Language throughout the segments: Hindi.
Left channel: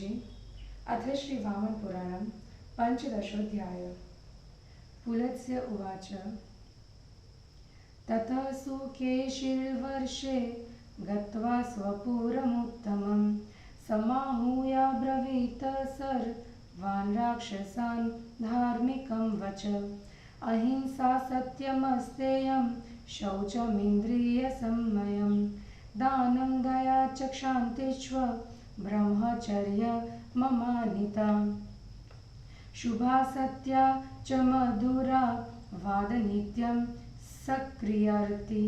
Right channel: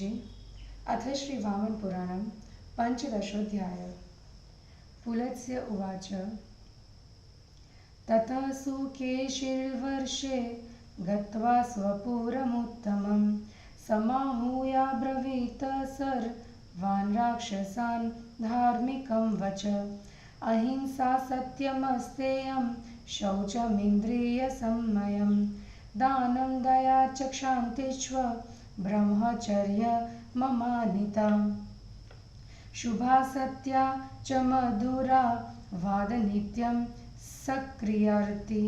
गुरुजी। अथ श्री वामन पुराणं पंचदशोऽध्यायः। पुलत्स्य उवाच। ततः सुकेशिर्वर्षे गत्वा स्वपुरमुत्तमं समाहूयाब्रवीत सर्वान् राक्षसान् धार्मिकं वच। अहिंसा सत्यमस्तेयं शौचमिन्द्रियसंयमं दानं दया च क्षान्तिश्च ब्रह्मचर्यममानिता। शुभा सत्या च मधुरा वादनित्यं सक्रियर्ति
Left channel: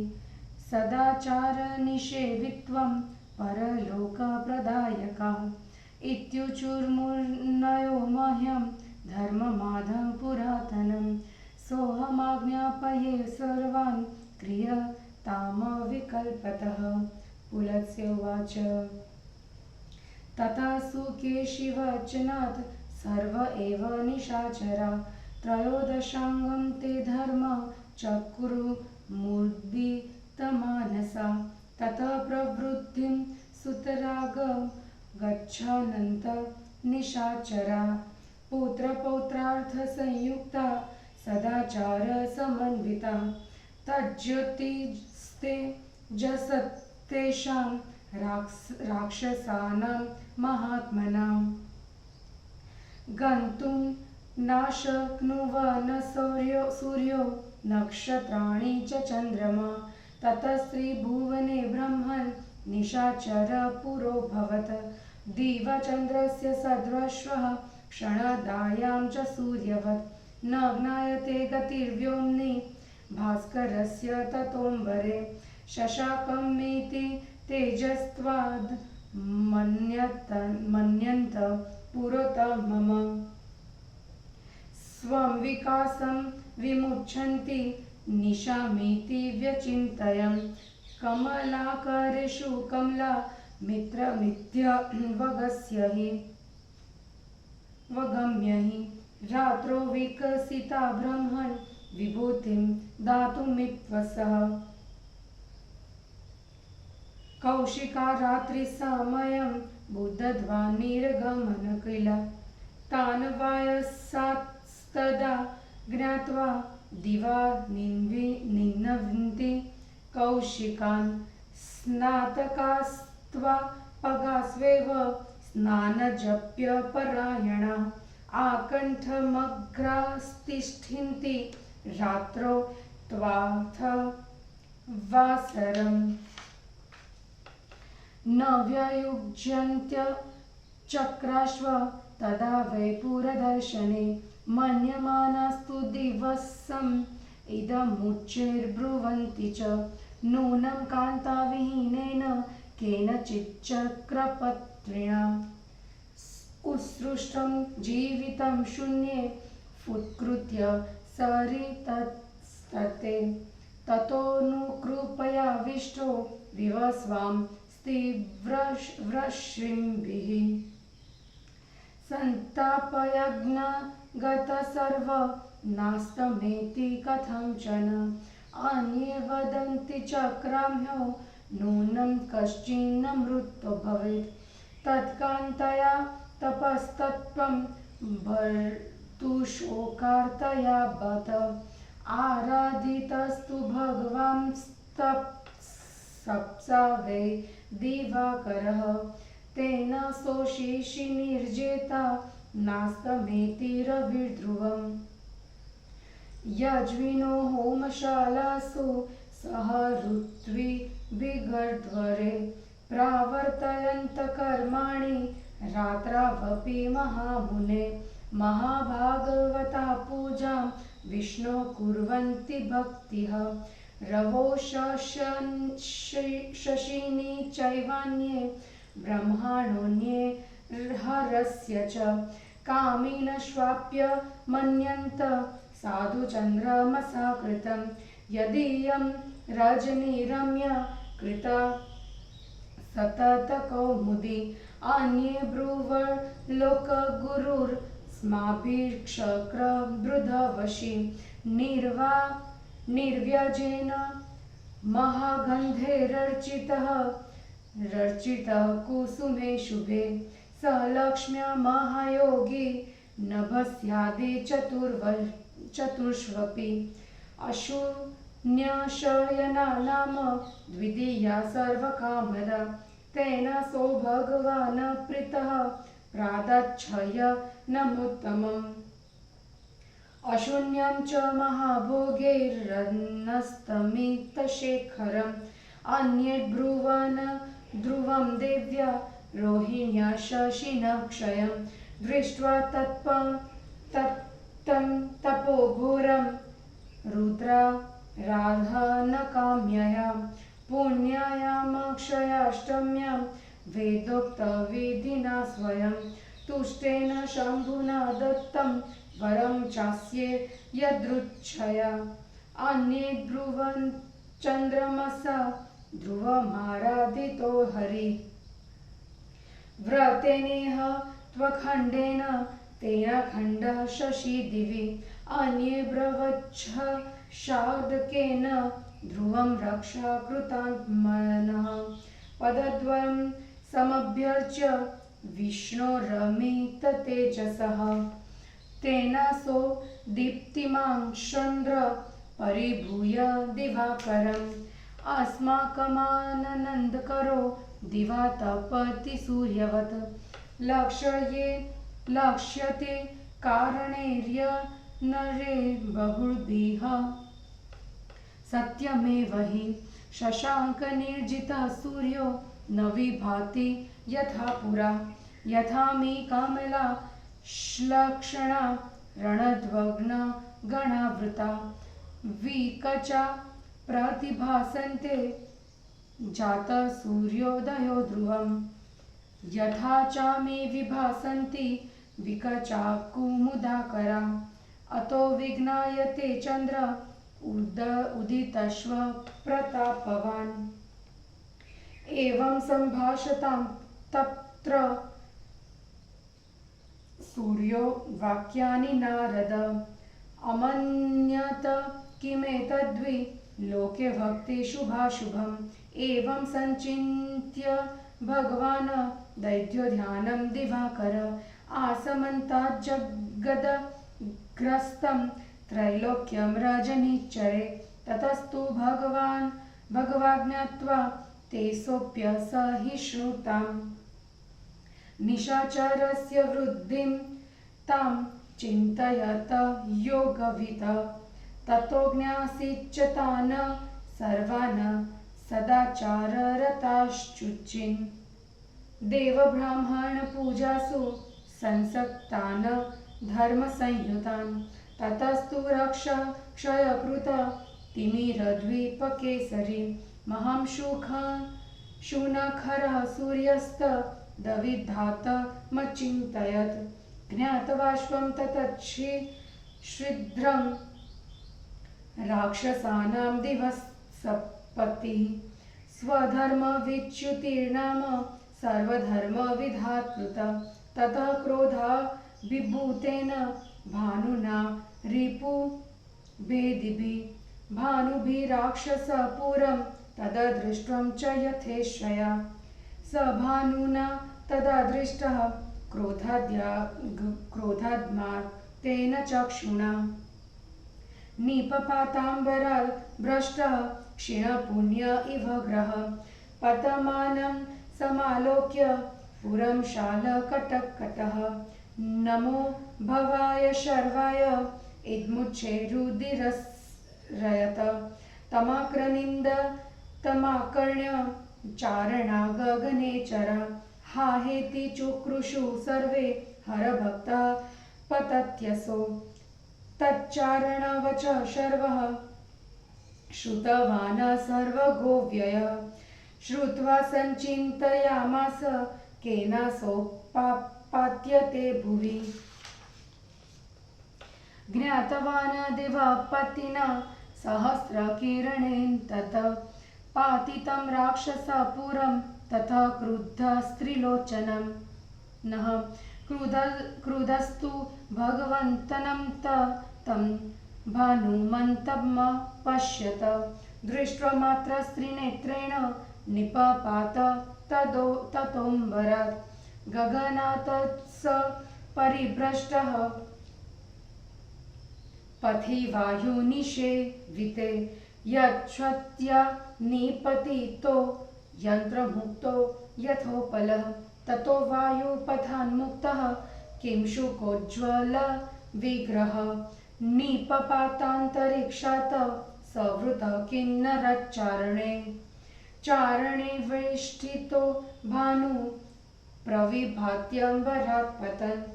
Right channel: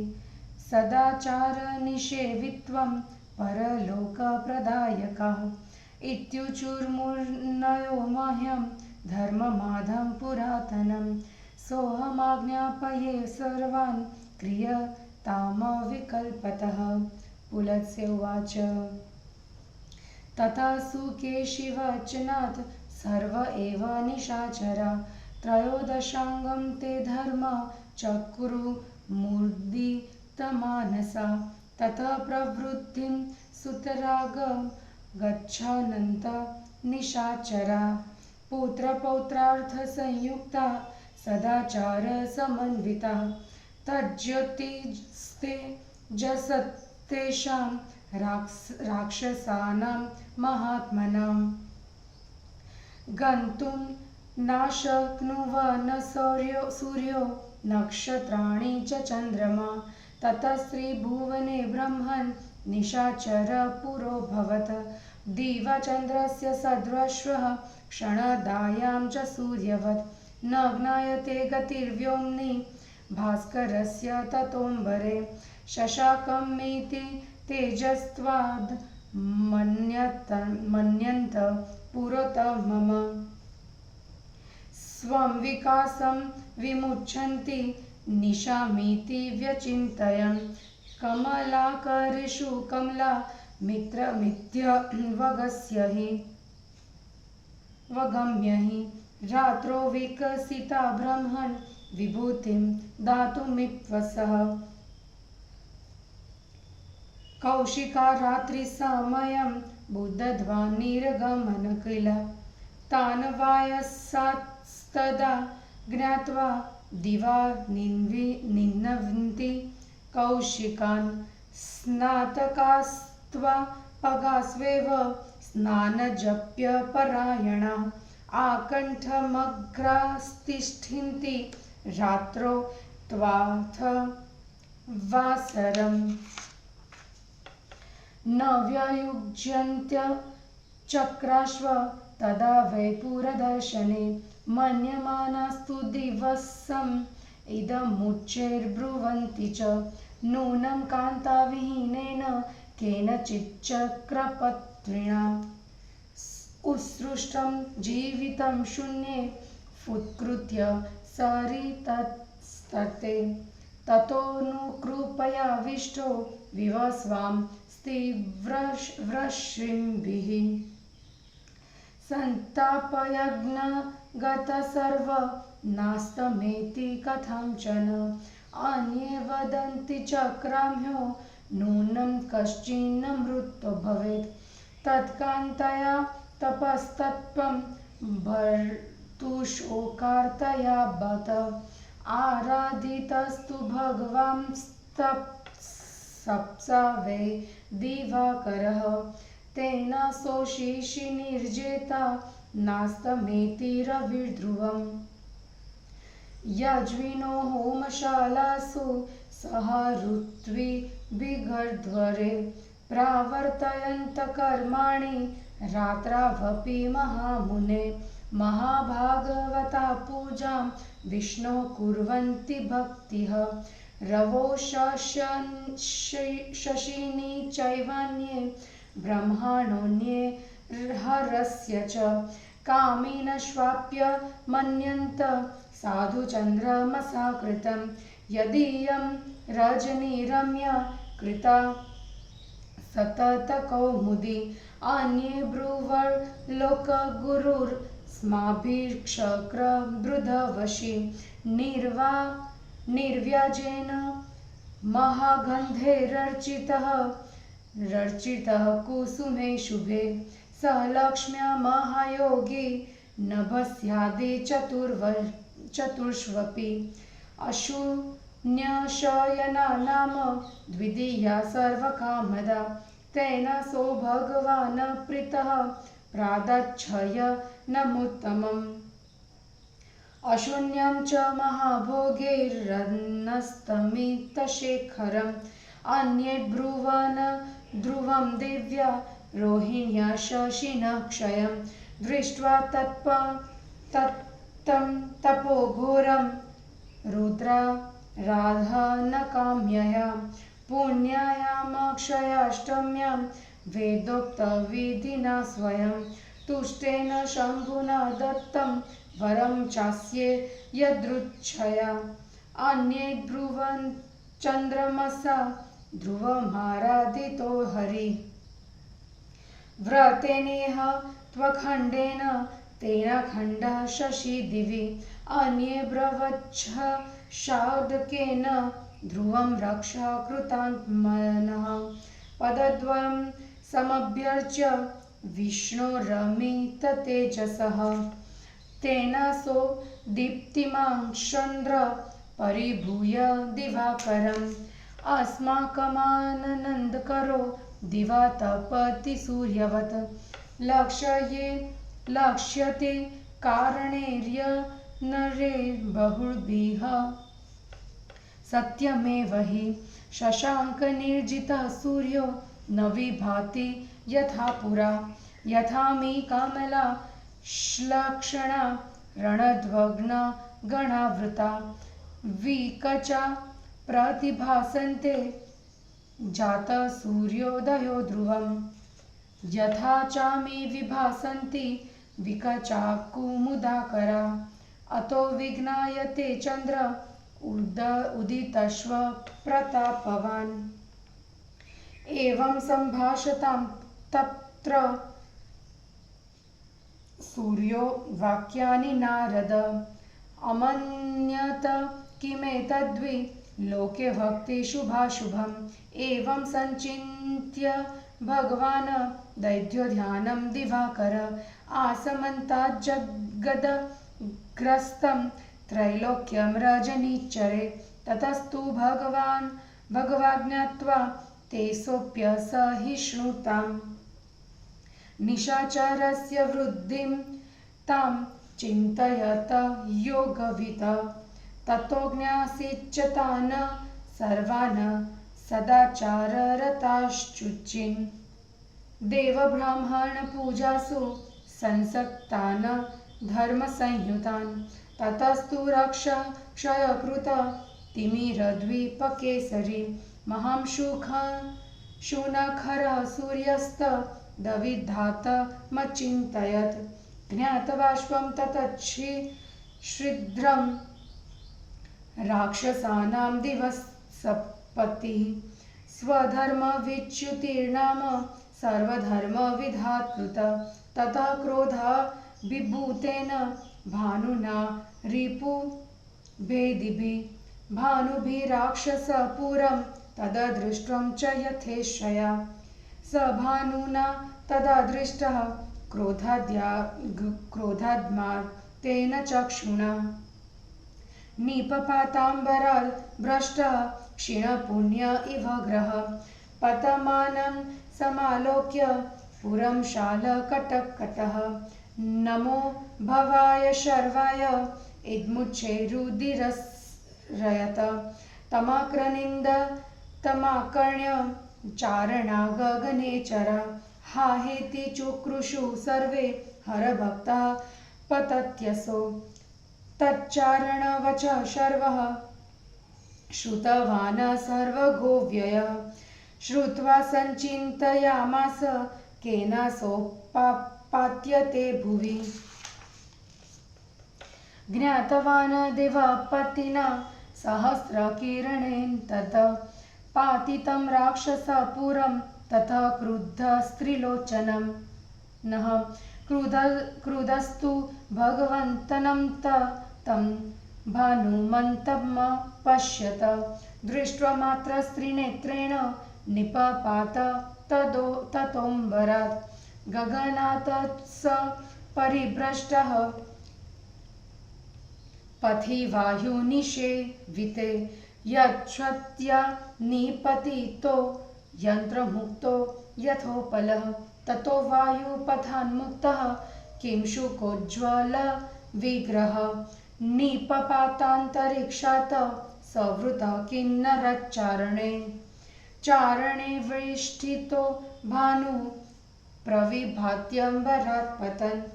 सदाचारनिषेवित्वं परलोकप्रदायकः। इत्युचुर्मुनयो मह्यं धर्ममाधं पुरातनं सोऽहमाज्ञापये सर्वान् क्रियतामविकल्पतः। पुलत्स्य उवाच। तथा सुकेशिवचनात् सर्व एव निशाचरा त्रयोदशाङ्गं ते धर्म चक्रुर्मुदितमानसा। ततः प्रवृत्तिं सुतराग गच्छन्त निशाचरा पुत्रपौत्रार्थसंयुक्ता सदाचारसमन्विता। तज्ज्योतिस्तेजसस्तेषां राक्षसानां महात्मनां गन्तुं नाशक्नुवन् सूर्यो नक्षत्राणि च चन्द्रमा। ततस्त्रिभुवने ब्रह्मन् निशाचर पुरोऽभवत्। दिवाचन्द्रस्य सदृशः क्षणदायां च सूर्यवत् न ज्ञायते गतिर्व्योम्नि भास्करस्य ततोऽम्बरे। शशाकमिति तेजस्त्वाद् मन्यन्त पुरोतमम् स्वं विकासं विमुच्यन्ति निशामिति व्यचिन्तयन्। कमलाकरेषु कमला मित्रमित्यवगम्य हि रात्रौ विकसिता ब्रह्मन् विभूतिं दातुमित्यसः। कौशिका रात्रिसमयं बुद्ध्वा निर्गमन किल तान् वायसास्तदा ज्ञात्वा दिवा निन्वन्ति कौशिकान् स्नातकास्त्वा पगास्वेव स्नानजप्यपरायणा आकण्ठमग्रास्तिष्ठन्ति रात्रौ त्वाथ वासरम् न व्ययुज्यन्त्यचक्राश्व तदा वै पुरदर्शने मन्यमानास्तु दिवसम् इदमुच्चैर्ब्रुवन्ति च नूनं कान्ताविहीनेन केनचिच्चक्रपत्रिणा उत्सृष्टं जीवितं शून्ये फुत्कृत्य सरितस्तते। ततोऽनुकृपयाविष्टो विवस्वां स्त्रीवृष्णिभिः सन्तापयज्ञगतसर्व नास्तमेति कथञ्चन। अन्ये वदन्ति चक्राम्यो नूनं कश्चिन्नमृतो भवेत् तत्कान्तया तपस्तत्त्वं भर्तुशोकार्तया बत। आराधितस्तु भगवांस्तपसा वै दिवाकरः तेन सोषिषि निर्जेता नास्तमेति रविर्ध्रुवम्। यज्विनो होमशालासु सह ऋत्विविगर्ध्वरे प्रावर्तयन्त कर्माणि रात्रावपि महामुने। महाभागवता पूजां विष्णो कुर्वन्ति भक्तिः रवो शशिनी चैवान्ये ब्रह्माणोऽन्ये हरस्य च कामिनश्वाप्य मन्यन्त साधुचन्द्रमसा कृतं। यदीयं रजनीरम्या कृता सततकौमुदी अन्ये ब्रुवल्लोकगुरुर्स्माभिर्चक्रबृधवशी निर्व्याजेन महागन्धैरर्चितः कुसुमे शुभे स लक्ष्म्या महायोगी नभस्यादि चतुर्ष्वपि अशून्यशयना नाम द्वितीया सर्वकामदा तेन सो भगवान् प्रीतः प्रादच्छय नमोत्तमम् अशून्यं च महाभोगैरनस्तमितशेखरम् अन्ये ब्रुवन् ध्रुवं दिव्या रोहिण्या शशिनः क्षयं दृष्ट्वा तत्तं तपोघोरं रुद्रा राधा न काम्यया पुण्यायामक्षयाष्टम्यां वेदोक्तविधिना स्वयं तुष्टेन शम्भुना दत्तं वरं चास्ये यदृच्छया अन्ये ब्रुवन् चन्द्रमसा ध्रुवमाराधितो हरि व्रतेनेह त्वखण्डेन तेन खण्डः शशि दिवि अन्ये ब्रवच्छ शार्दकेन ध्रुवं रक्षा कृतात्मनः पदद्वयं समभ्यर्च्य विष्णोरमित तेजसः तेन सो दीप्तिमां चन्द्र परिभूय दिवाकरम् अस्माकमानन्दकरो दिवा तपति सूर्यवत् लक्ष्यते कारणैर्यनरे बहुभिः सत्यमेव हि शशाङ्कनिर्जितः सूर्यो न विभाति यथा पुरा यथा मे कमला श्लक्षणा रणध्वग्न गणावृता विकचा प्रतिभासन्ते जातः सूर्योदयो ध्रुवम् यथा च मे विभासन्ति विकचा कुमुदाकरा अतो विज्ञायते चन्द्र उदितश्व प्रतापवान् एवं सम्भाषतां तत्र सूर्यो वाक्यानि नारद अमन्यत किमेतद्वि लोके भक्ति शुभाशुभम् एवं सञ्चिन्त्य भगवान् दैत्योध्यानं दिवाकर आसमन्ताज्जगदग्रस्तं त्रैलोक्यं रजनीचरे ततस्तु भगवाज्ञात्वा ते सोऽप्यसहिष्णुताम् निशाचरस्य वृद्धिं तां चिन्तयत योगवित् ततो ज्ञासीच्च सर्वान् सदाचाररताश्चुचिन् देवब्राह्मणपूजासु संसक्तान् धर्मसंयुतान् ततस्तु क्षयकृत तिमिरद्वीपकेसरी महांशुनखरः सूर्यस्त दविधातमचिन्तयत् ज्ञातवाश्वं ततच्छिद्रं राक्षसानां दिवसपतिः स्वधर्मविच्युतिर्नाम सर्वधर्मविधात्कृत ततः क्रोधाभिभूतेन भानुना रिपुभेदिभिः भानुभिराक्षसपुरं तददृष्टं च यथेच्छया स भानुना तदा दृष्टः क्रोधाद्मार्तेन चक्षुणा निपपाताम्बराल् भ्रष्टः क्षीणपुण्य इव ग्रहः पतमानं समालोक्य पुरं शालकटकटः नमो भवाय शर्वाय इदमुच्चैरुदिरयत तमाक्रनिन्द तमाकर्ण्य चारणा गगनेचरा हा हेति चुक्रुषु सर्वे हरभक्ता पतत्यसो तच्चारणवच शर्वः श्रुतवान् सर्वगोव्ययः श्रुत्वा सञ्चिन्तयामास केनासोपाप्यते भुवि ज्ञातवान् देवपतिना सहस्रकिरणेन तत् पातितं राक्षसपुरं ततः क्रुद्धस्त्रिलोचनं नः क्रुधस्तु भगवन्तनं तं भानुमन्तमपश्यत दृष्ट्वा मात्र स्त्रीनेत्रेण निपपात ततोऽम्बरात् गगनात् स परिभ्रष्टः पथि वायुनिषेविते यच्छ्वत्या निपतितो यन्त्रमुक्तो यथोपलः ततो वायुपथान्मुक्तः किं शुकोज्ज्वल विग्रह निपपातान्तरिक्षात् सवृतः किन्नरच्चारणे चारणे वेष्टितो भानु प्रविभात्यम्बरात् पतन्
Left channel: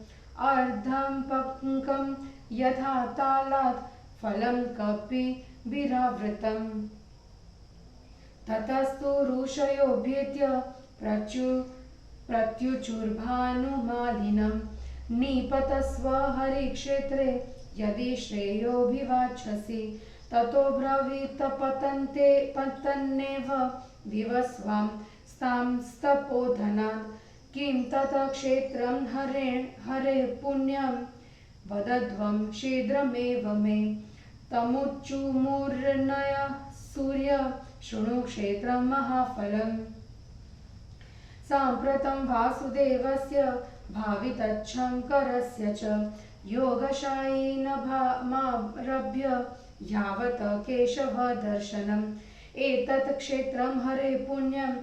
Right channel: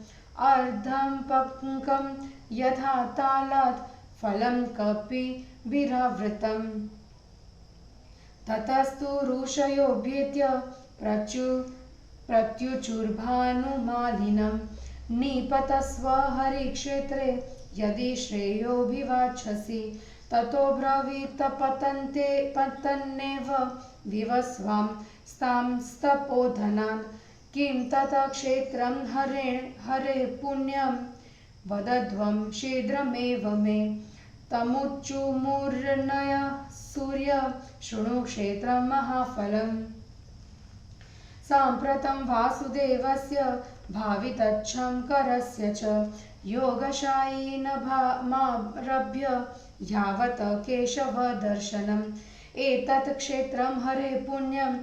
अर्धं पङ्कं यथा तालात् फलं कपिभिरावृतम् ततस्तु ऋषयोऽभ्येत्य प्रत्युचुर्भानुमालिनं निपतस्व हरिक्षेत्रे यदि श्रेयोऽभिवाञ्छसि ततो ब्रवीत पतन्नेव विवस्वां स्तांस्तपोधनात् किं तत् क्षेत्रं हरे पुण्यं वदध्वं शीघ्रमेव मे तमुच्चुमुर्नय सूर्य शृणु क्षेत्रं महाफलम् साम्प्रतं वासुदेवस्य भावितच्छङ्करस्य च योगशायिनमारभ्य यावत् केशवदर्शनम् एतत् क्षेत्रं हरे पुण्यं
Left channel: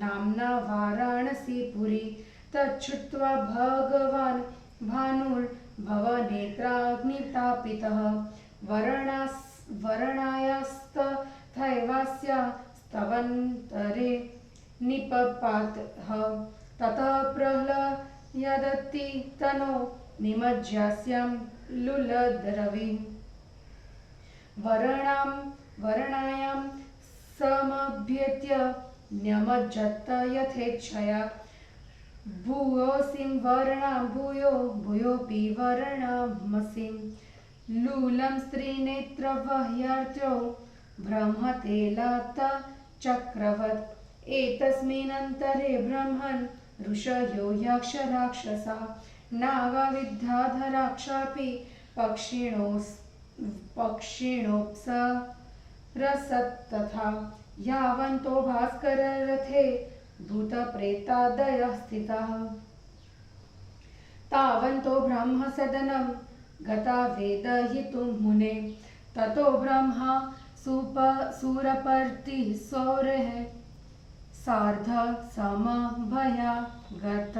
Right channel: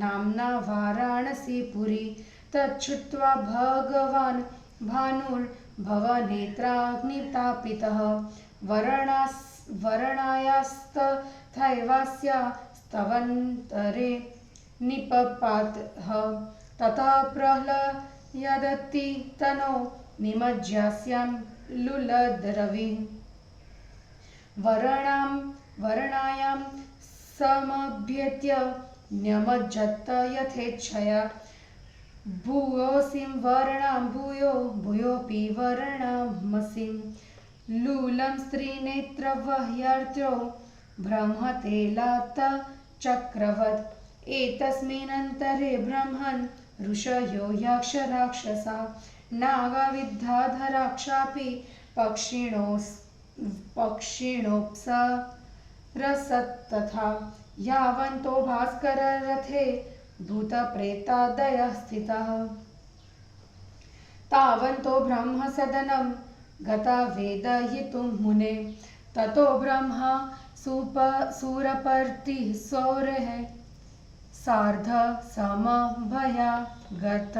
नाम्ना वाराणसीपुरी तच्छ्रुत्वा भगवान् भानुर्भवनेत्राग्नितापितः वर्णायास्तथैवास्या स्तवन्तरे निपपातः ततः प्रह्लयदति तनो निमज्यास्यां लुलद्रविः वर्णायां समभ्येत्य न्यमज्जत यथेच्छया भूयोऽसिं वर्णां भूयोऽपि वर्णामसिं लूलं स्त्रीनेत्रवह्यार्त्यो ब्रह्मतेलात् चक्रवत् एतस्मिन्नन्तरे ब्रह्मन् ऋषयो यक्षराक्षसा नागाविद्याधराक्षापि पक्षिणोऽप्सरसस्तथा यावन्तो भास्कररथे भूतप्रेतादयः स्थिताः तावन्तो ब्रह्मसदनं गता वेदयितुं मुने ततो ब्रह्मा सुरपर्तिः सौरः सार्ध समभयागत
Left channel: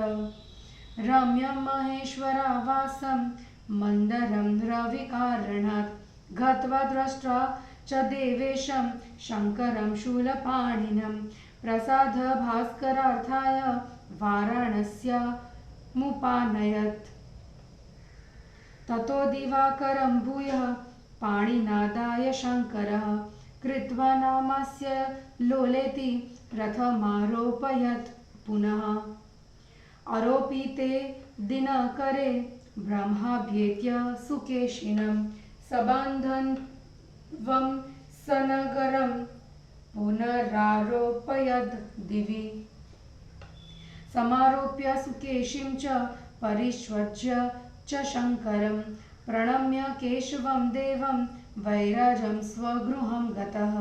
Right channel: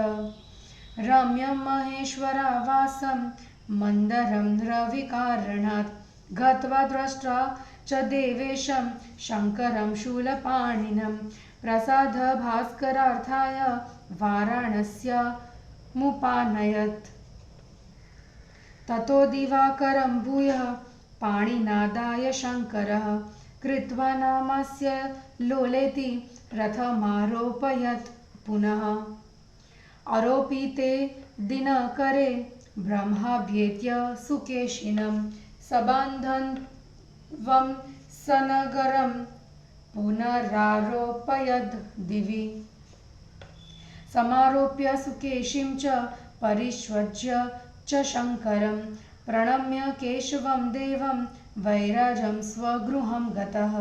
रम्यं महेश्वरावासं मन्दरं रविकारणात् गत्वा द्रष्ट्वा च देवेशं शङ्करं शूलपाणिनं प्रसाद भास्करार्थाय वाराणस्यामुपानयत् ततो दिवाकरं भूयः पाणिनादाय शङ्करः कृत्वा नामस्य लोलेति रथमारोपयत् पुनः आरोपिते दिनकरे ब्रह्माभ्येत्य सुकेशिनं सबान्धवं सनगरं पुनरारोपयद् दिवि समारोप्य सुकेशिं च परिष्वज्य च शङ्करं प्रणम्य केशवं देवं वैराजं स्वगृहं गतः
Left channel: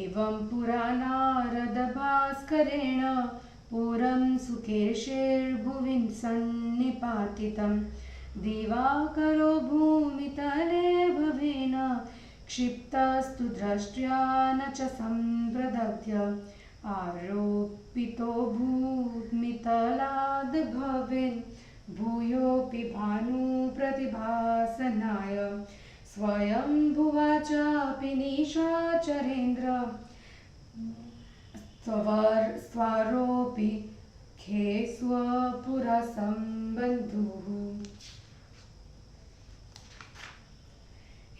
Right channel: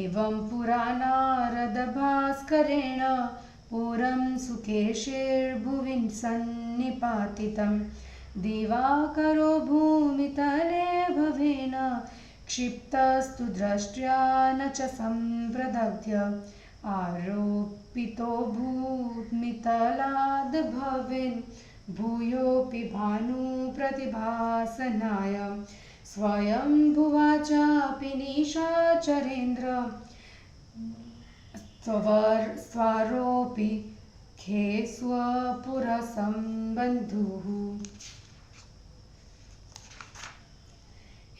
एवं पुरा नारदभास्करेण पुरं सुकेशेर्भुवि सन्निपातितं दिवाकरो भूमितले भवेन क्षिप्तस्तु दृष्ट्या न च सम्प्रदग्ध्य आरोपितो भूमितलाद् भवेन् भूयोऽपि भानुप्रतिभासनाय स्वयंभुवा चापि निशाचरेन्द्र स्वारोऽपि खे स्वपुरसंबन्धुः।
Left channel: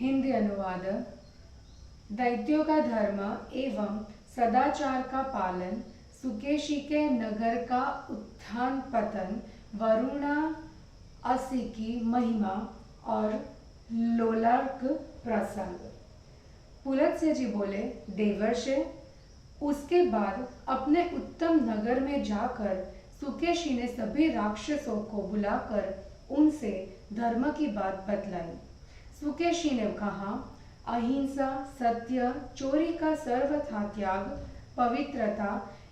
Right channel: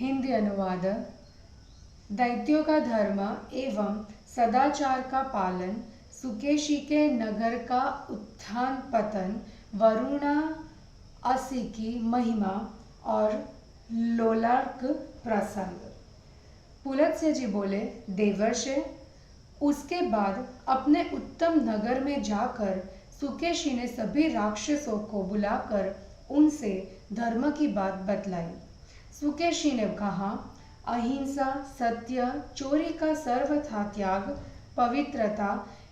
हिंदी अनुवाद। दैत्यों का धर्म एवं सदाचार का पालन, सुकेशी के नगर का उत्थान पतन, वरुणा असी की महिमा और लोलार्क प्रसंग। पुलत्स्य जी बोले, देवर्षि, उसके बाद अपने उत्तम नगर में जाकर सुकेशी ने सभी राक्षसों को बुलाकर उनसे धर्म की बात बतलाई। सुकेशी ने कहा, अहिंसा, सत्य, चोरी का सर्वथा त्याग, पवित्रता,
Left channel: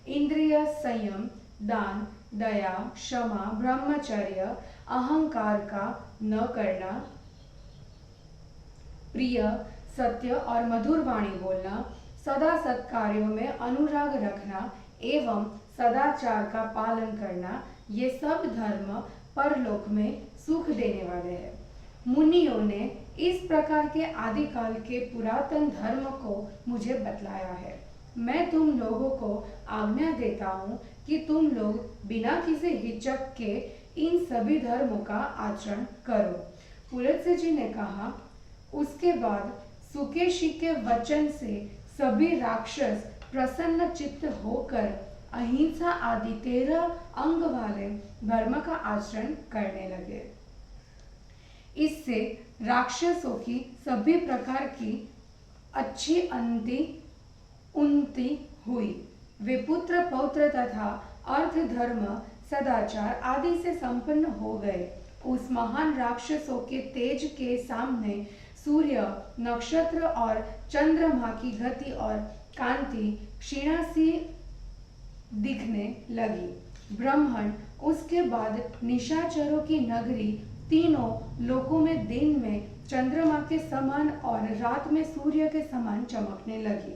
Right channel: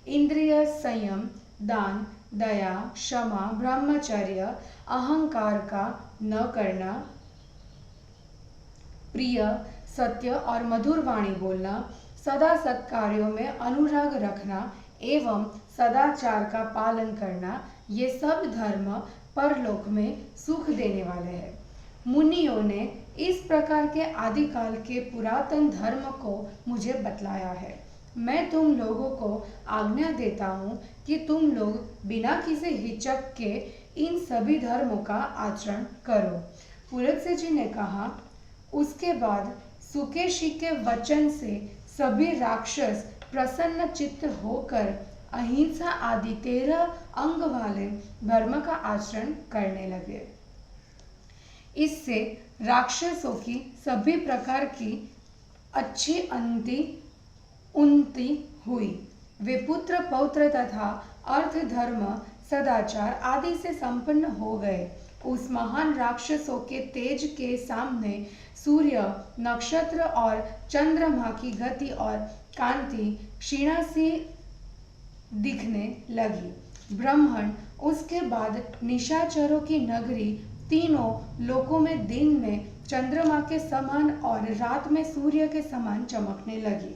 इंद्रिय संयम, दान, दया, क्षमा, ब्रह्मचर्य, अहंकार का न करना, प्रिय, सत्य और मधुर वाणी बोलना, सदा सत्कार्यों में अनुराग रखना एवं सदाचार का पालन करना, ये सब धर्म परलोक में सुख देने वाले हैं। मुनियों ने इस प्रकार के आदिकाल के पुरातन धर्म को मुझे बतलाया है। मैं तुम लोगों को आज्ञा देता हूँ कि तुम लोग बिना किसी हिचक के इन सभी धर्मों का आचरण करो। पुलत्स्य जी ने कहा, उसके बाद सुकेशी के वचन से सभी राक्षस प्रसन्न चित्त होकर अहिंसा आदि 13 अंग वाले धर्म का आचरण करने लगे। इससे राक्षसों की सभी प्रकार की अच्छी उन्नति हुई। वे पुत्र पौत्र तथा अर्थ धर्म सदाचार आदि से संपन्न हो गए। उस महान राक्षसों के तेज के सामने सूर्य, नक्षत्र और चंद्रमा की गति और कांति क्षीणा सी दिखने लगी। ब्राह्मण, उसके बाद निशाचरों की नगरी तीनों लोकों में दिन में चंद्रमा के समान और रात में सूर्य के समान चमकने लगी।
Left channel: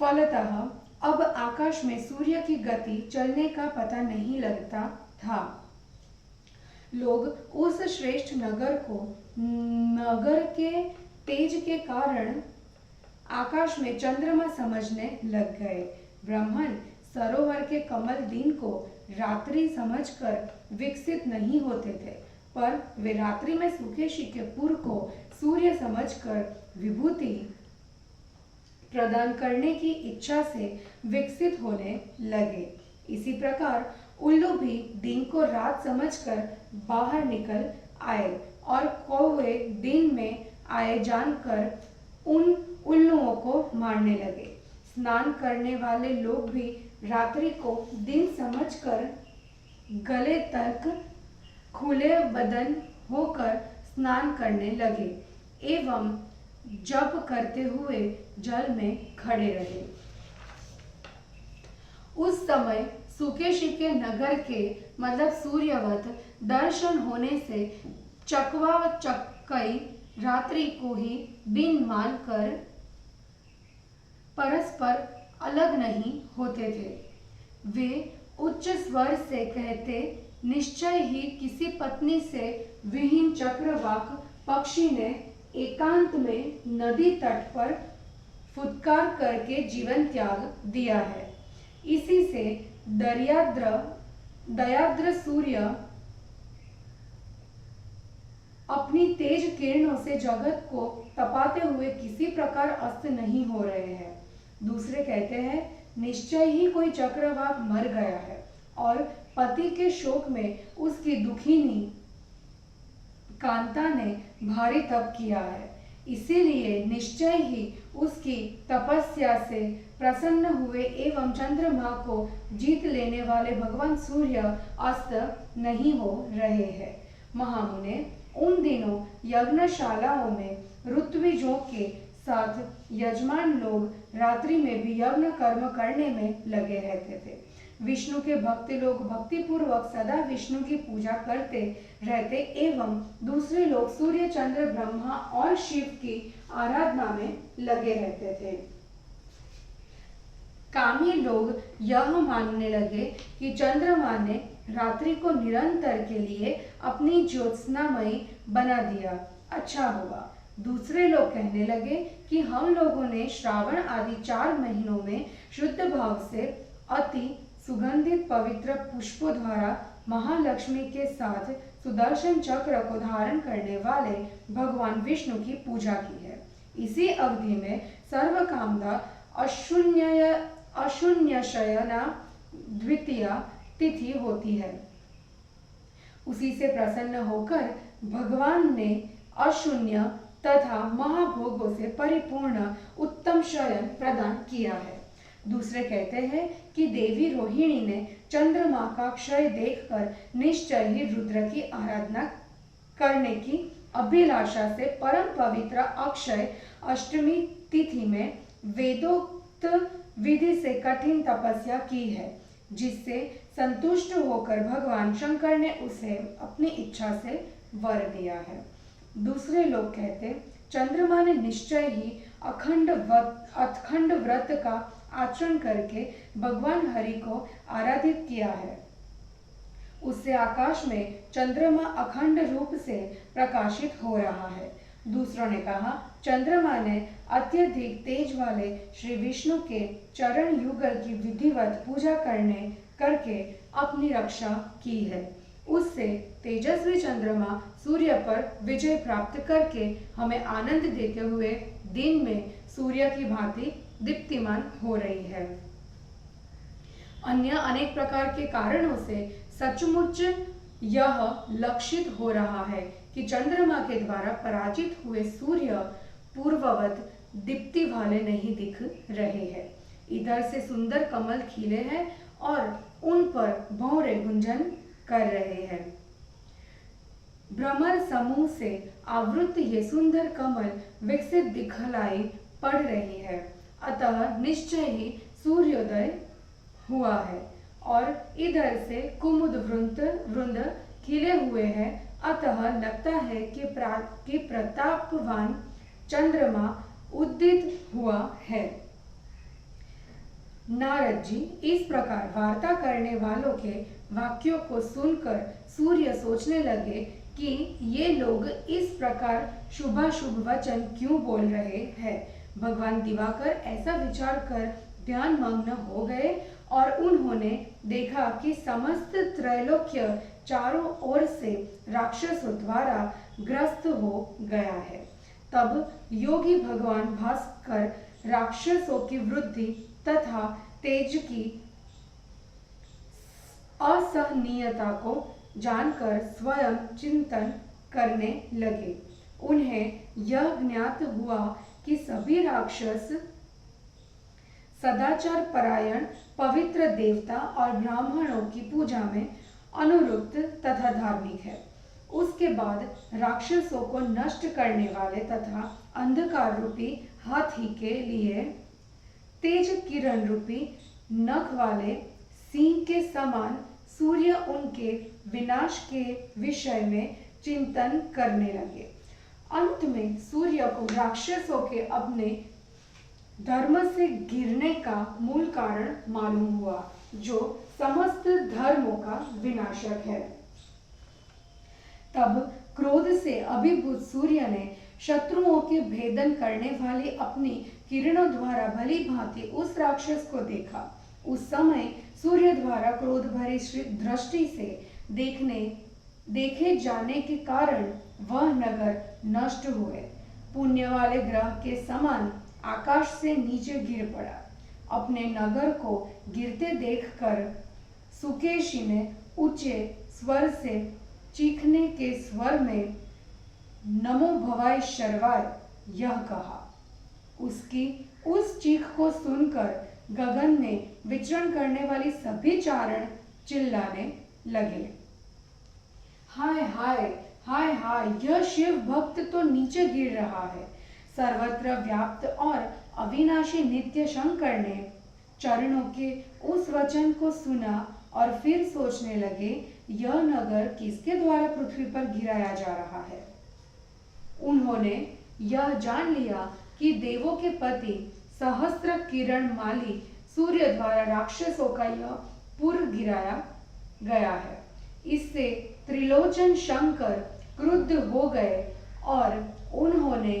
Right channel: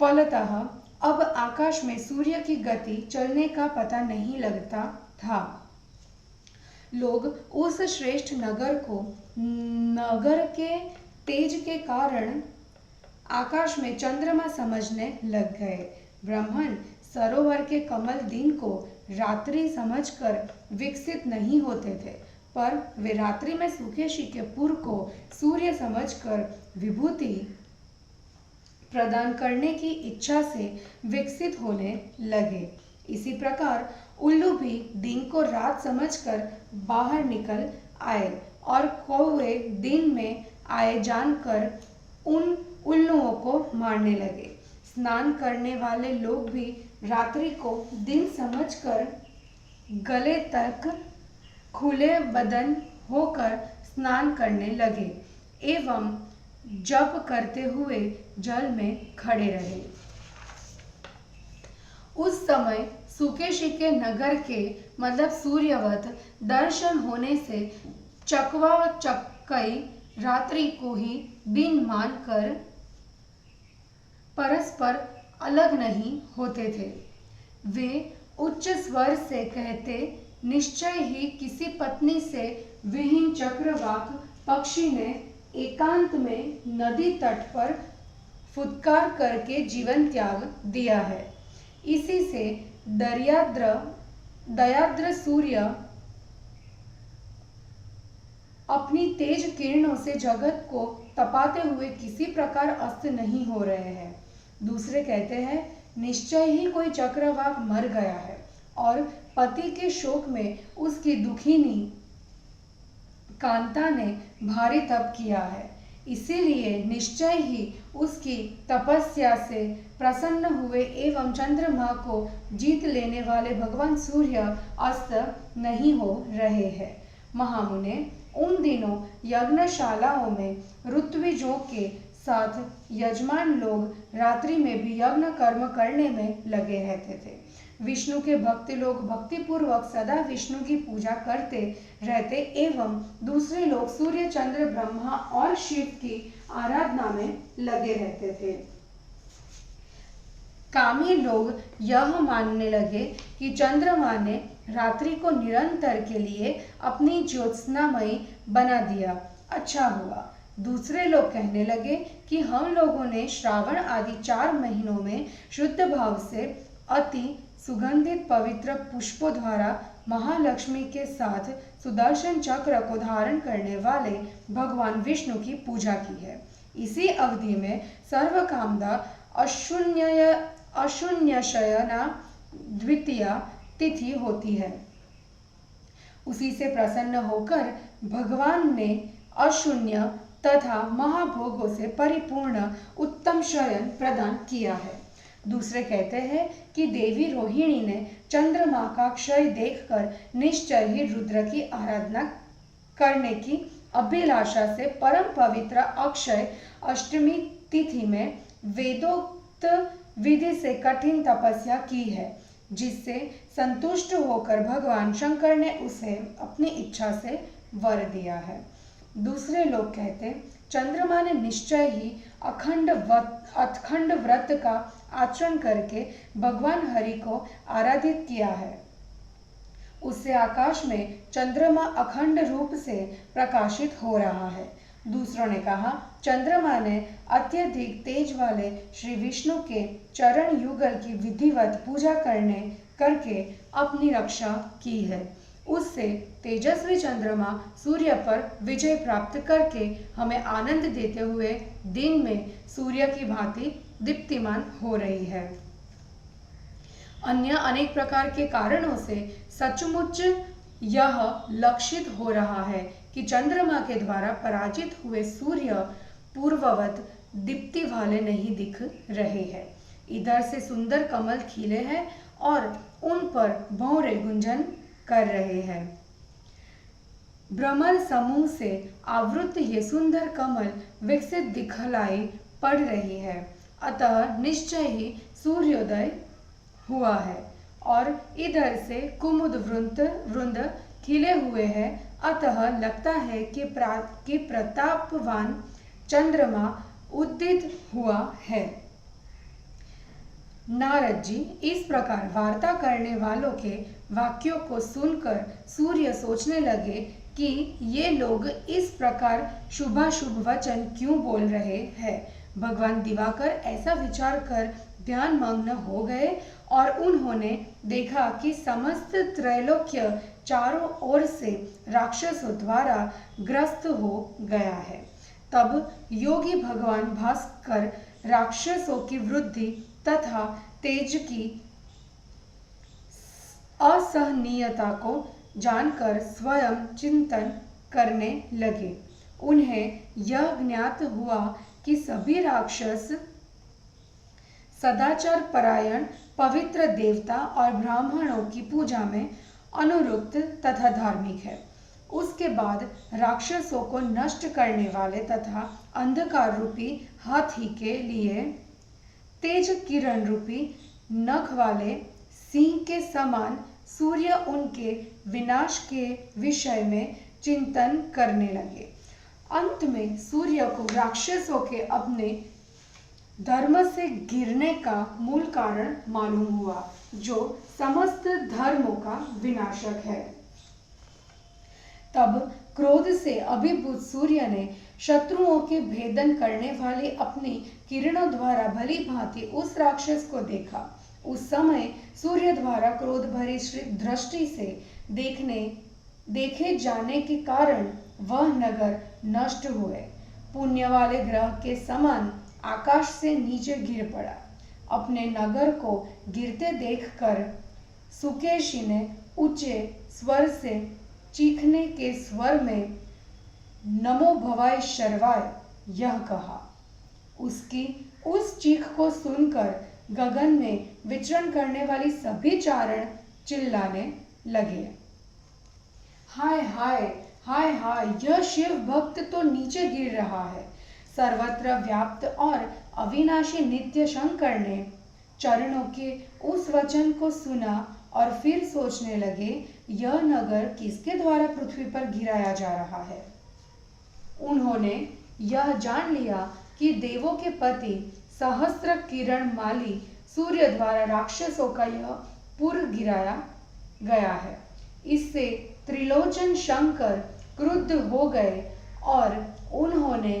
फलतः अब आकाश में सूर्य की गति चलने का पता नहीं लगता था। लोग उस श्रेष्ठ नगर के तेज के कारण आकाश में चंद्रमा समझने लग गए। ब्राह्मण सरोवर के कमल दिन को रात्रि समझकर विकसित नहीं होते थे, पर वे रात्रि में सुकेशी के पुर को सूर्य समझकर विभूति प्रदान करने की इच्छा से विकसित होने लगे। इसी प्रकार उल्लू भी दिन को रात समझकर बाहर निकल आए और कौवे दिन में आए जानकर उन उल्लुओं को मारने लगे। स्नान करने वाले लोग भी रात्रि को दिन समझकर गले तक खुले बदन होकर स्नान करने लगे एवं जप करते हुए जल में खड़े रहे। उस समय सुकेशी के नगर के मतलब सूर्यवत दर्शन होने से चकवा व चक्कई रात्रि को ही दिन मानकर परस्पर अलग नहीं होते थे। वे उच्च स्वर से कहते, निश्चय ही किसी पत्नी से विहीन चक्रवाक पक्षी ने एकांत में नदी तट पर फुत्कार करके जीवन त्याग दिया है। इसी से दयाद्र सूर्य अपनी तेज किरणों से जगत को तपाते हुए किसी प्रकार अस्त नहीं हो रहे हैं। दूसरे कहते हैं, निश्चय ही कोई चक्रवाक मर गया है और पति के शोक में उसकी दुखिनी कांता ने भारी तप किया है, इसीलिए निश्चय ही उसकी तपस्या से प्रसन्न हुए एवं चंद्रमा को जीत लेने वाले भगवान सूर्य अस्त नहीं हो रहे हैं। महामुने, उन दिनों यज्ञशालाओं में ऋत्विजों के साथ यजमान लोग रात्रि में भी यज्ञ कर्म करने में लगे रहते थे। विष्णु के भक्त लोग भक्तिपूर्वक सदा विष्णु की पूजा करते रहते एवं दूसरे लोग सूर्य, चंद्र, ब्रह्मा और शिव की आराधना में लगे रहते थे। कामी लोग यह मानने लगे कि चंद्रमा ने रात्रि को निरंतर के लिए अपनी ज्योत्सनामयी बना दिया, अच्छा हुआ। दूसरे लोग कहने लगे कि हम लोगों ने श्रावण आदि 4 महीनों में शुद्ध भाव से अति सुगंधित पवित्र पुष्पों द्वारा महालक्ष्मी के साथ सुदर्शन चक्र को धारण करने वाले भगवान विष्णु की पूजा की है। इसी अवधि में सर्वकामदा अशून्यशयना द्वितीया तिथि होती है। उसी से प्रसन्न होकर भगवान ने अशून्य तथा महाभोगों से परिपूर्ण उत्तम शयन प्रदान किया है। दूसरे कहते हैं कि देवी रोहिणी ने चंद्रमा का क्षय देखकर निश्चय ही रुद्र की आराधना करने की अभिलाषा से परम पवित्र अक्षय अष्टमी तिथि में वेदोक्त विधि से कठिन तपस्या की है, जिससे संतुष्ट होकर भगवान शंकर ने उसे अपनी इच्छा से वर दिया है। दूसरे लोग कहते चंद्रमा ने निश्चय ही अखंड व्रत का आचरण करके भगवान हरि को आराधित किया है। उससे आकाश में चंद्रमा अखंड रूप से प्रकाशित हो रहा है। दूसरों ने कहा चंद्रमा ने अत्यधिक तेज वाले श्री विष्णु के चरण युगल की विधिवत पूजा करके अपनी रक्षा की है। उससे तेजस्वी चंद्रमा सूर्य पर विजय प्राप्त करके हमें आनंद देते हुए दिन में सूर्य की भांति दीप्तिमान हो रही है। अन्य अनेक प्रकार के कारणों से सचमुच यह लक्षित हो रहा है कि चंद्रमा के द्वारा पराजित हुए सूर्य पूर्ववत दीप्ति वाले नहीं दिख रहे हैं। इधर से सुंदर कमल खिले हैं और उन पर भौरे गुंजन कर रहे हैं। भ्रमर समूह से आवृत ये सुंदर कमल विकसित दिखलाई पड़ रही है। अतः निश्चय ही सूर्योदय हुआ है और इधर से कुमुद वृंद खिले हुए हैं। अतः लगता है कि प्रतापवान चंद्रमा उदित हुआ है। नारद जी इस प्रकार वार्ता करने वालों के वाक्यों को सुनकर सूर्य सोचने लगे कि ये लोग इस प्रकार शुभाशुभ वचन क्यों बोल रहे हैं। भगवान दिवाकर ऐसा विचार कर ध्यान मग्न हो गए और उन्होंने देखा कि समस्त त्रैलोक्य चारों ओर से राक्षसों द्वारा ग्रस्त हो गया है। तब योगी भगवान भास्कर राक्षसों की वृद्धि तथा तेज की असहनीयता को जानकर स्वयं चिंतन करने लगे। उन्हें यह ज्ञात हुआ कि सभी राक्षस सदाचार परायण पवित्र देवता और ब्राह्मणों की पूजा में अनुरुक्त तथा धार्मिक है। उसके बाद राक्षसों को नष्ट करने वाले तथा अंधकार रूपी हाथी के लिए तेज किरण रूपी नख वाले सिंह के समान सूर्य उनके विनाश के विषय में चिंतन करने लगे। अंत में सूर्य को राक्षसों के अपने धर्म से गिरने का मूल कारण मालूम हुआ, जो समस्त धर्मों का विनाशक है। तब क्रोध से अभिभूत सूर्य ने शत्रुओं के भेदन करने वाली अपनी किरणों द्वारा भली भांति उस राक्षस को देखा। उस समय सूर्य द्वारा क्रोध भरी दृष्टि से देखे जाने के कारण वह नगर नष्ट हुए। पुण्य वाले ग्रह के समान आकाश से नीचे गिर पड़ा। अपने नगर को गिरते देखकर सुकेशी ने ऊंचे स्वर से चीखने के स्वर में नमो भवाय शर्वाय यह कहा। उसकी उस चीख को सुनकर गगन में विचरण करने वाली सभी चारण चिल्लाने लगे, हाय हाय हाय हाय, यह शिव भक्त तो नीचे गिर रहा है। सर्वत्र व्याप्त और अविनाशी नित्य शंकर ने चरणों के उस वचन को सुना और फिर सोचने लगे, यह नगर किसके द्वारा पृथ्वी पर गिराया जा रहा है। उन्होंने यह जान लिया कि देवों के पति सहस्त्र किरण माली सूर्य द्वारा राक्षसों का यह पुर गिराया गया है। इससे त्रिलोचन शंकर क्रुद्ध हो गए और उन्होंने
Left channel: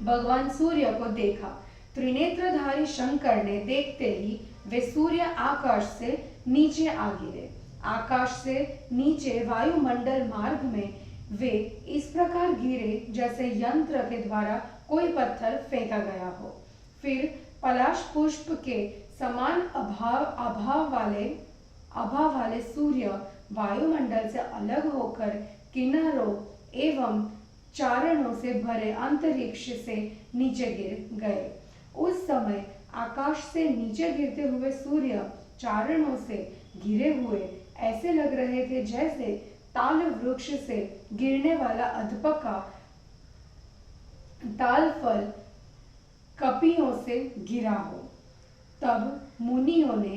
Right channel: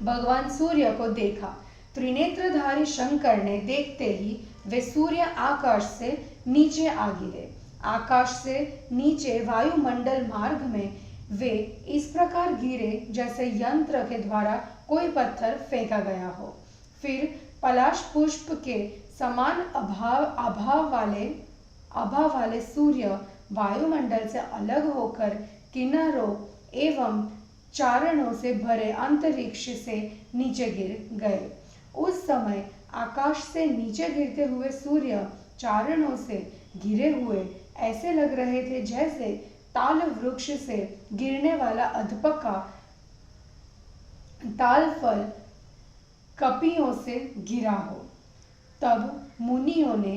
भगवान सूर्य को देखा। त्रिनेत्रधारी शंकर ने देखते ही वे सूर्य आकाश से नीचे आ गिरे। आकाश से नीचे वायुमंडल मार्ग में वे इस प्रकार गिरे जैसे यंत्र के द्वारा कोई पत्थर फेंका गया हो। फिर पलाश पुष्प के समान आभा वाले सूर्य वायुमंडल से अलग होकर किन्नरों एवं चारणों से भरे अंतरिक्ष से नीचे गिर गए। उस समय आकाश से नीचे गिरते हुए सूर्य चारणों से घिरे हुए ऐसे लग रहे थे जैसे ताल वृक्ष से गिरने वाला अधपका ताल फल कपियों से गिरा हो। तब मुनियों ने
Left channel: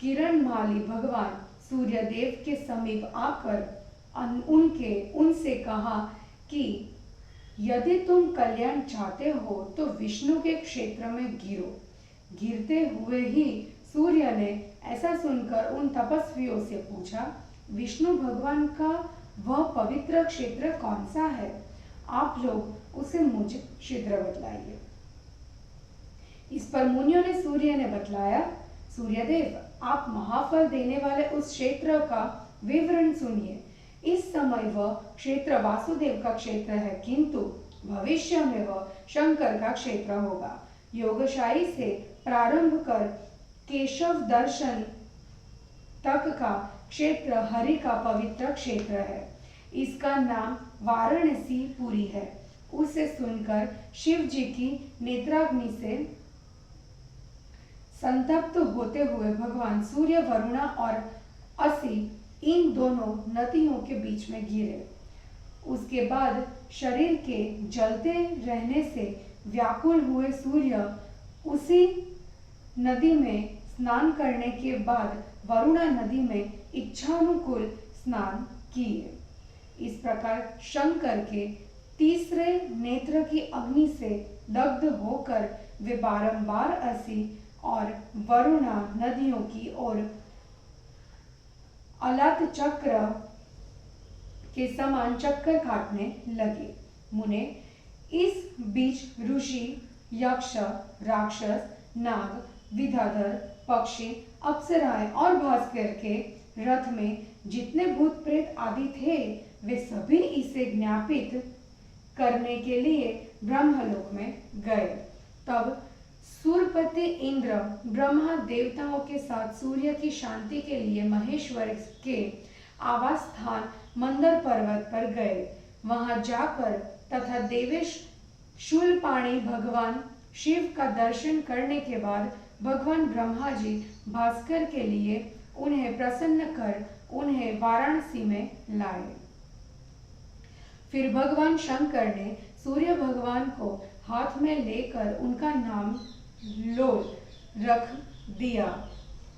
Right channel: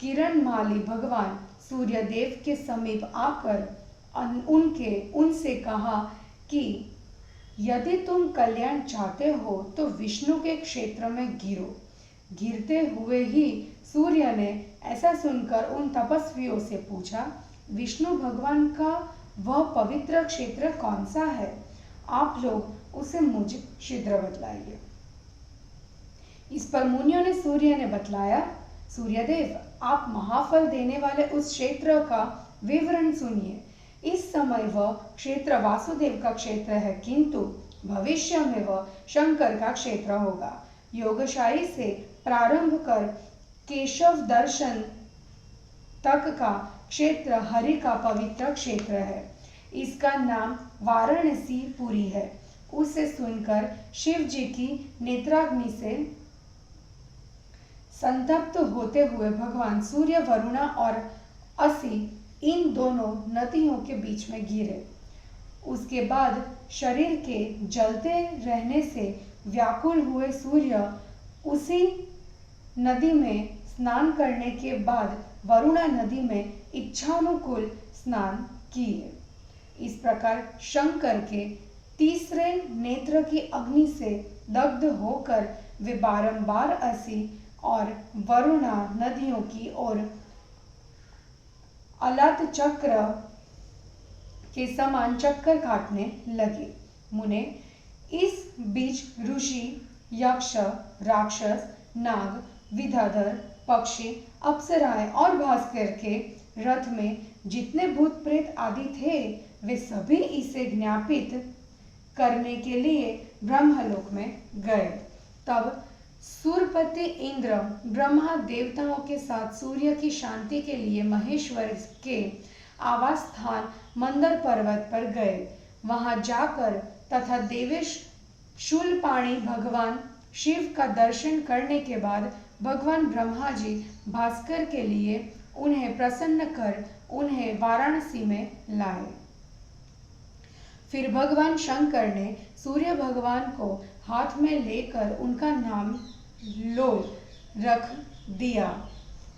किरणमाली भगवान सूर्यदेव के समीप आकर उनसे कहा कि यदि तुम कल्याण चाहते हो तो विष्णु के क्षेत्र में गिरो। गिरते हुए ही सूर्य ने ऐसा सुनकर उन तपस्वियों से पूछा, विष्णु भगवान का वह पवित्र क्षेत्र कौन सा है? आप लोग उसे मुझे शीघ्र बतलाइए। इस पर मुनियों ने सूर्य ने बतलाया, सूर्यदेव, आप महाफल देने वाले उस क्षेत्र का विवरण सुनिए। इस समय वह क्षेत्र वासुदेव का क्षेत्र है, किंतु भविष्य में वह शंकर का क्षेत्र होगा। योगशाही से प्रारंभ कर केशव दर्शन तक का क्षेत्र हरि का पवित्र क्षेत्र है। इसका नाम वाराणसी पुरी है। उसे सुनकर शिव जी की नेत्राग्नि से संतप्त होते हुए भगवान सूर्य, वरुणा और असी इन दोनों नदियों के बीच में गिरे। उसके बाद शरीर के जलते रहने से व्याकुल हुए सूर्य उसी नदी में स्नान करने के बाद वरुणा नदी में इच्छानुकूल स्नान किए। इस प्रकार शंकर के तीसरे नेत्र की अग्नि से दग्ध होकर वे बारंबार असी और वरुणा नदियों की ओर अलात चक्र के समान चक्कर काटने लगे। मुने, इस बीच ऋषि, यक्ष, राक्षस, नाग, विद्याधर, पक्षी, अप्सराएं और भास्कर के रथ में जितने भूत प्रेत आदि थे, वे सभी इसे ज्ञापित करने के लिए ब्रह्मलोक में गए। तब सूर्यपति इंद्र ब्रह्मा देवताओं के साथ सूर्य की शांति के लिए महेश्वर के आवास स्थान मंदर पर्वत पर गए। वहां जाकर तथा देवेश शूलपाणी भगवान शिव का दर्शन करने के बाद भगवान ब्रह्मा जी भास्कर के लिए उन्हें प्रसन्न कर उन्हें वाराणसी में लाए। फिर भगवान शंकर ने सूर्य भगवान को हाथ में लेकर उनका नाम लोल रख दिया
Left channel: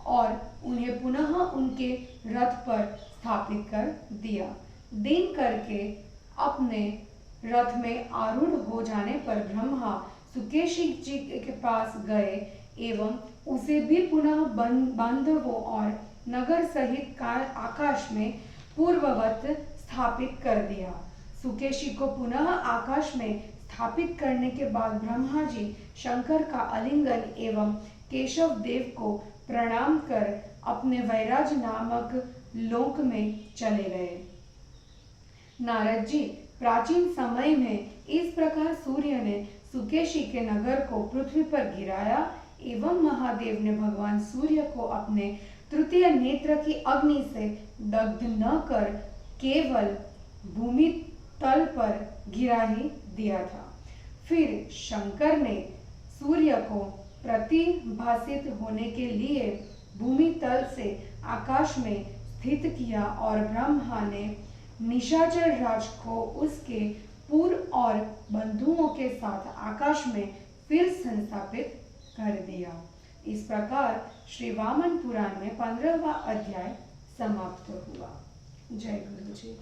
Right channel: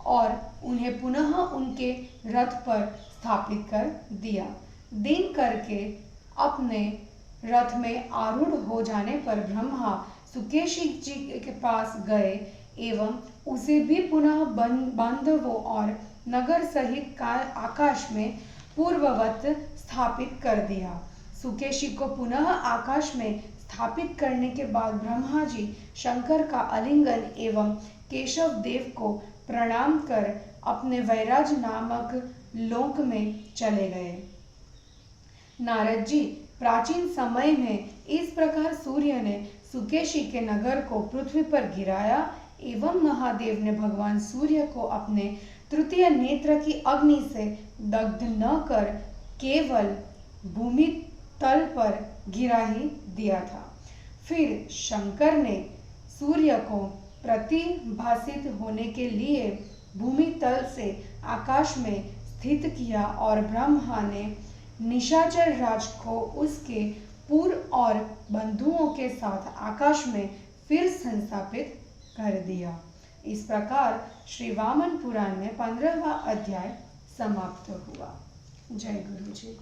और उन्हें पुनः उनके रथ पर स्थापित कर दिया। दिन करके अपने रथ में आरूढ़ हो जाने पर ब्रह्मा सुकेशी जी के पास गए एवं उसे भी पुनः बांधवों और नगर सहित आकाश में पूर्ववत स्थापित कर दिया। सुकेशी को पुनः आकाश में स्थापित करने के बाद ब्रह्मा जी शंकर का आलिंगन एवं केशव देव को प्रणाम कर अपने वैराज नामक लोक में चले गए। नारद जी, प्राचीन समय में इस प्रकार सूर्य ने सुकेशी के नगर को पृथ्वी पर गिराया एवं महादेव ने भगवान सूर्य को अपने तृतीय नेत्र की अग्नि से दग्ध न कर केवल भूमि तल पर गिरा ही दिया था। फिर शंकर ने सूर्य को प्रतिभासित होने के लिए भूमि तल से आकाश में स्थित किया और ब्रह्मा ने निशाचर राज को उसके पूर्व और बंधुओं के साथ आकाश में फिर संस्थापित कर दिया। इस प्रकार श्री वामन पुराण में 15वां अध्याय समाप्त हुआ। जय गुरु जी।